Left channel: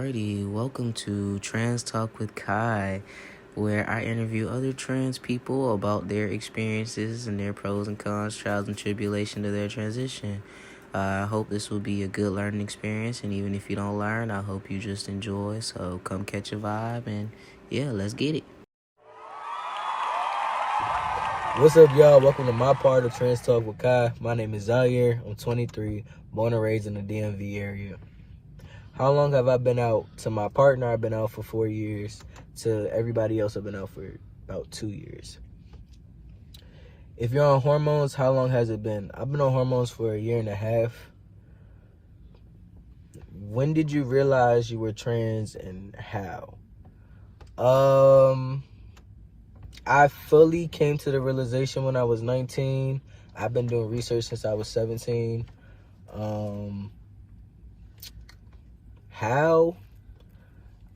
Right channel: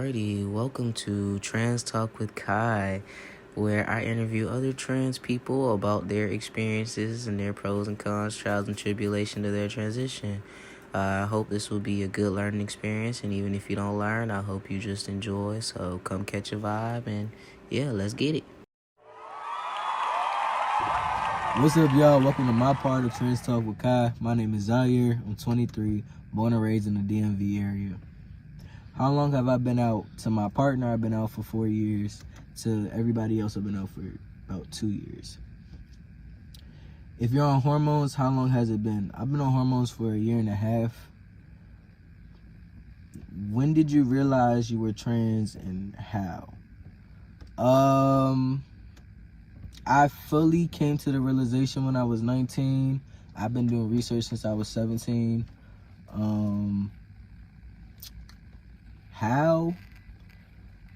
Alrighty, welcome to Trans Talk with Kai, where I interview other trans people about their experiences and their pros and cons, trials and tribulation to their transition. I hope this will be a good learning experience, and even if you don't learn, I hope you just enjoy. So come catch a vibe, and yeah, let's get it. What's up, y'all? Welcome to my part of Trans Talk with Kai. My name is Zaire. I'm 23, born and raised in the DMV area. How long have I been out? To my partner, I've been out for 4 years. To everybody else, I've been out for about 2 years. If you're on hormones, how long has it been? I've been on hormones for 1.5 years. When did you realize you were trans and how? I fully came to the realization when I was 19. I've been doing research since I was 17. How?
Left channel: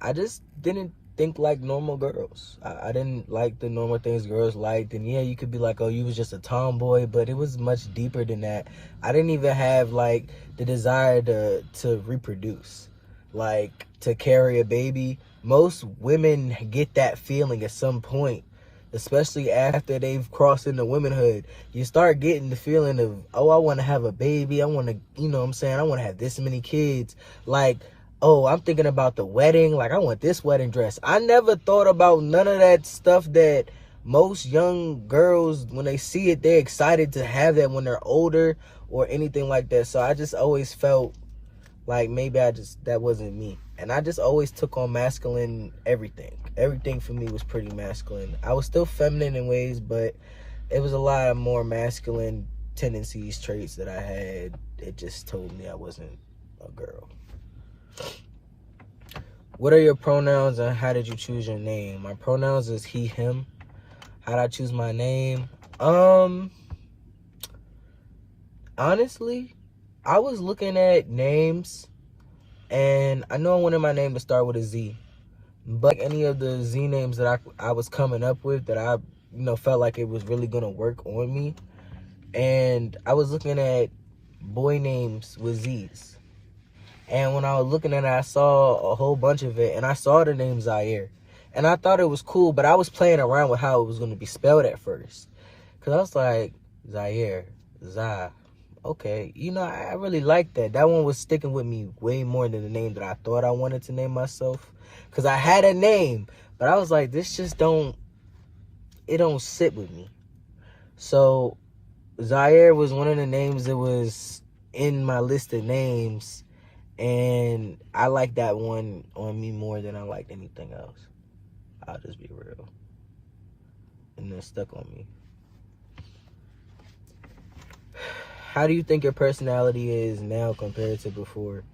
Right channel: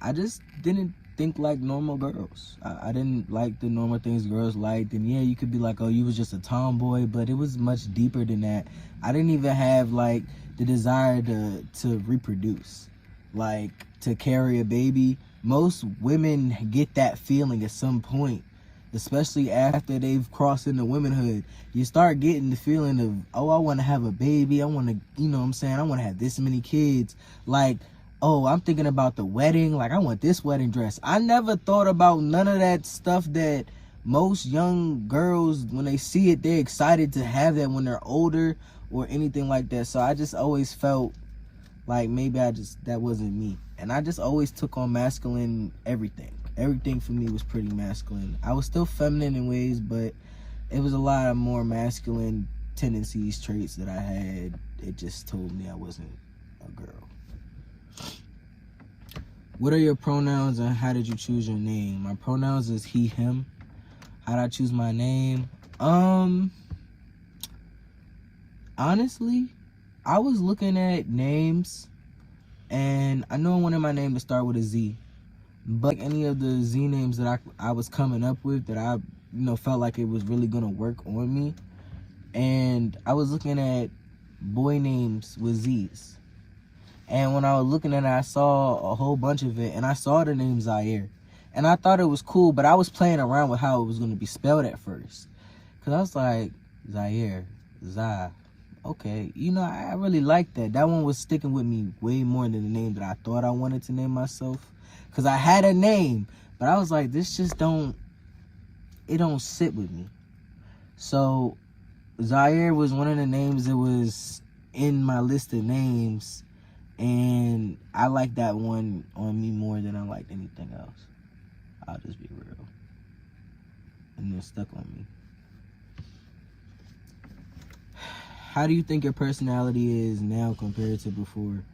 I just didn't think like normal girls. I didn't like the normal things girls liked. And yeah, you could be like, oh, you was just a tomboy, but it was much deeper than that. I didn't even have like the desire to reproduce, like to carry a baby. Most women get that feeling at some point, especially after they've crossed into womanhood. You start getting the feeling of, oh, I want to have a baby. I want to, you know what I'm saying? I want to have this many kids. Like, oh, I'm thinking about the wedding. Like, I want this wedding dress. I never thought about none of that stuff that most young girls, when they see it, they're excited to have that when they're older or anything like that. So I just always felt like maybe that wasn't me. And I just always took on masculine everything. Everything for me was pretty masculine. I was still feminine in ways, but it was a lot of more masculine tendencies, traits that I had. It just told me I wasn't a girl. What are your pronouns and how did you choose your name? My pronouns is he, him. How did I choose my name? Honestly, I was looking at names and I know I wanted my name to start with a Z. But like any of the Z names that I was coming up with that I felt like it was really gonna work on me. And I was looking at boy names with Z's. And when I was looking at it, I saw a whole bunch of it, and I saw the name Zaire. And I thought it was cool, but I was playing around with how it was going to be spelled at first. Because I was like, Zaire, Zai. Okay, I really liked that. That one was sticking with me way more than the name that I thought I wanted to name myself. Because I had a name, but I was like, this just don't sit with me. So Zaire was one of the names that was in my list of names. And I like that one on me more than I liked anything else. I'll just be real. And it stuck on me. How do you think your personality is now compared to before?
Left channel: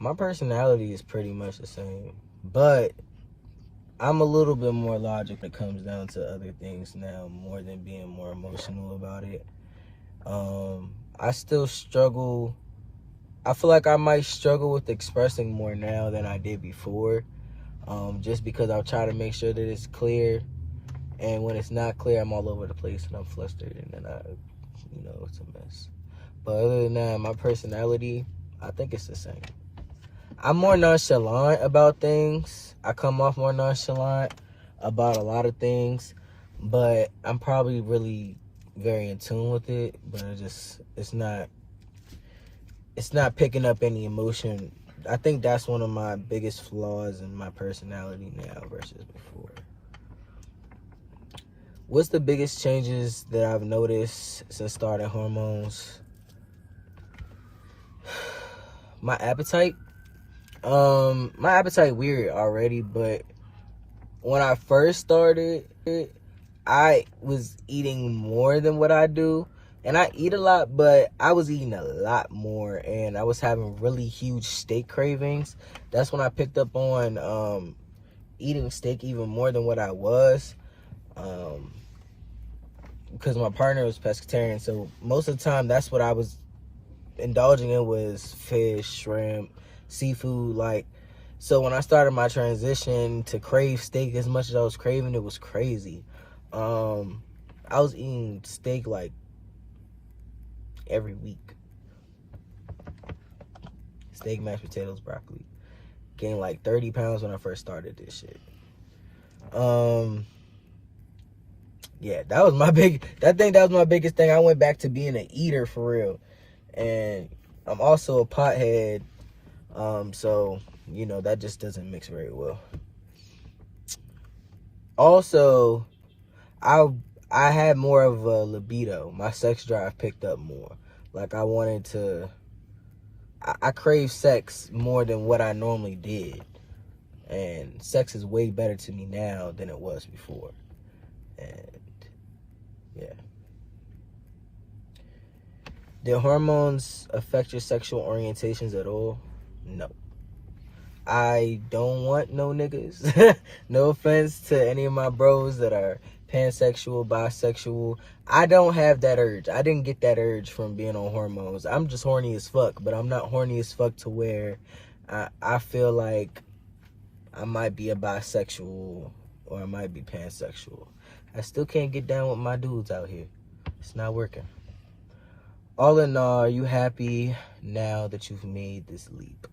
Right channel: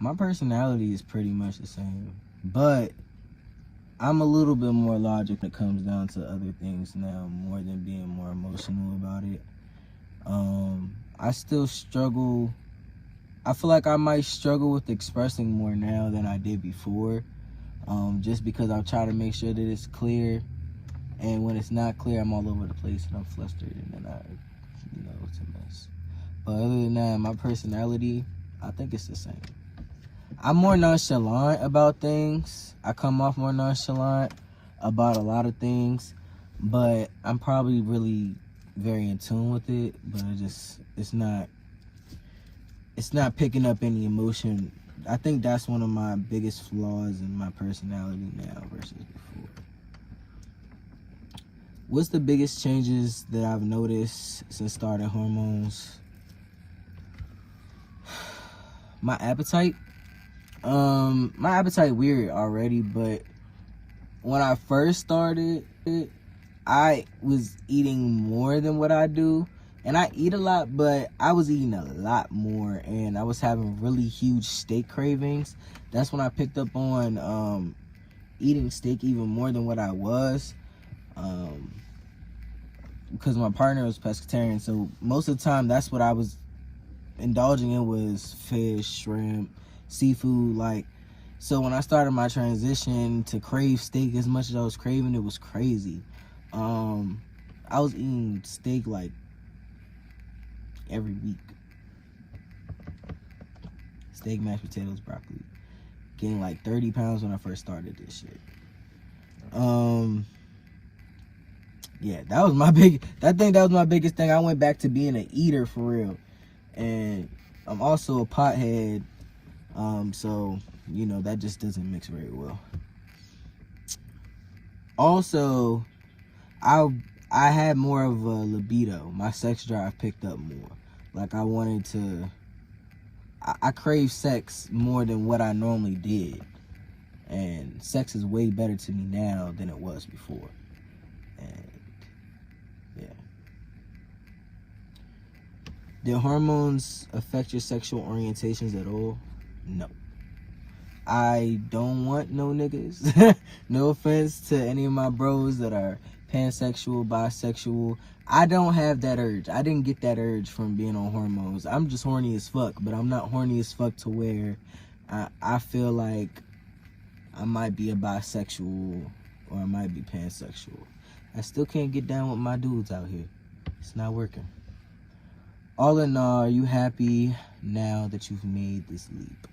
My personality is pretty much the same. But I'm a little bit more logic when it comes down to other things now, more than being more emotional about it. I still struggle. I feel like I might struggle with expressing more now than I did before, just because I'll try to make sure that it's clear, and when it's not clear, I'm all over the place and I'm flustered, and then it's a mess. But other than that, my personality, I think it's the same. I'm more nonchalant about things. I come off more nonchalant about a lot of things, but I'm probably really very in tune with it, but it's not picking up any emotion. I think that's one of my biggest flaws in my personality now versus before. What's the biggest changes that I've noticed since starting hormones? My appetite. My appetite weird already, but when I first started, I was eating more than what I do. And I eat a lot, but I was eating a lot more, and I was having really huge steak cravings. That's when I picked up on eating steak even more than what I was, because my partner was pescatarian, so most of the time that's what I was indulging in was fish, shrimp, seafood. Like, so when I started my transition to crave steak as much as I was craving, it was crazy. I was eating steak like every week. Steak, mashed potatoes, broccoli. gained like 30 pounds when I first started this shit. Yeah, that was my biggest thing. I went back to being an eater for real. And I'm also a pothead. So, you know, that just doesn't mix very well. Also, I had more of a libido. My sex drive picked up more. Like I crave sex more than what I normally did. And sex is way better to me now than it was before. And yeah. Did hormones affect your sexual orientations at all? No. I don't want no niggas. No offense to any of my bros that are pansexual, bisexual. I don't have that urge. I didn't get that urge from being on hormones. I'm just horny as fuck, but I'm not horny as fuck to where I feel like I might be a bisexual or I might be pansexual. I still can't get down with my dudes out here. It's not working. All in all, are you happy now that you've made this leap?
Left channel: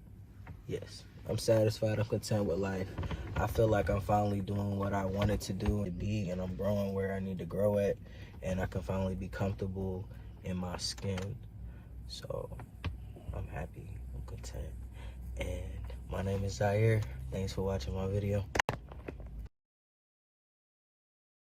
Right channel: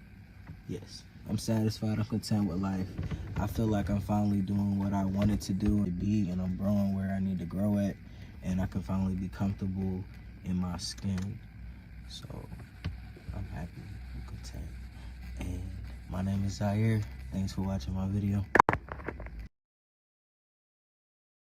Yes. I'm satisfied. I'm content with life. I feel like I'm finally doing what I wanted to do and be, and I'm growing where I need to grow at, and I can finally be comfortable in my skin. So I'm happy. I'm content. And my name is Zaire. Thanks for watching my video.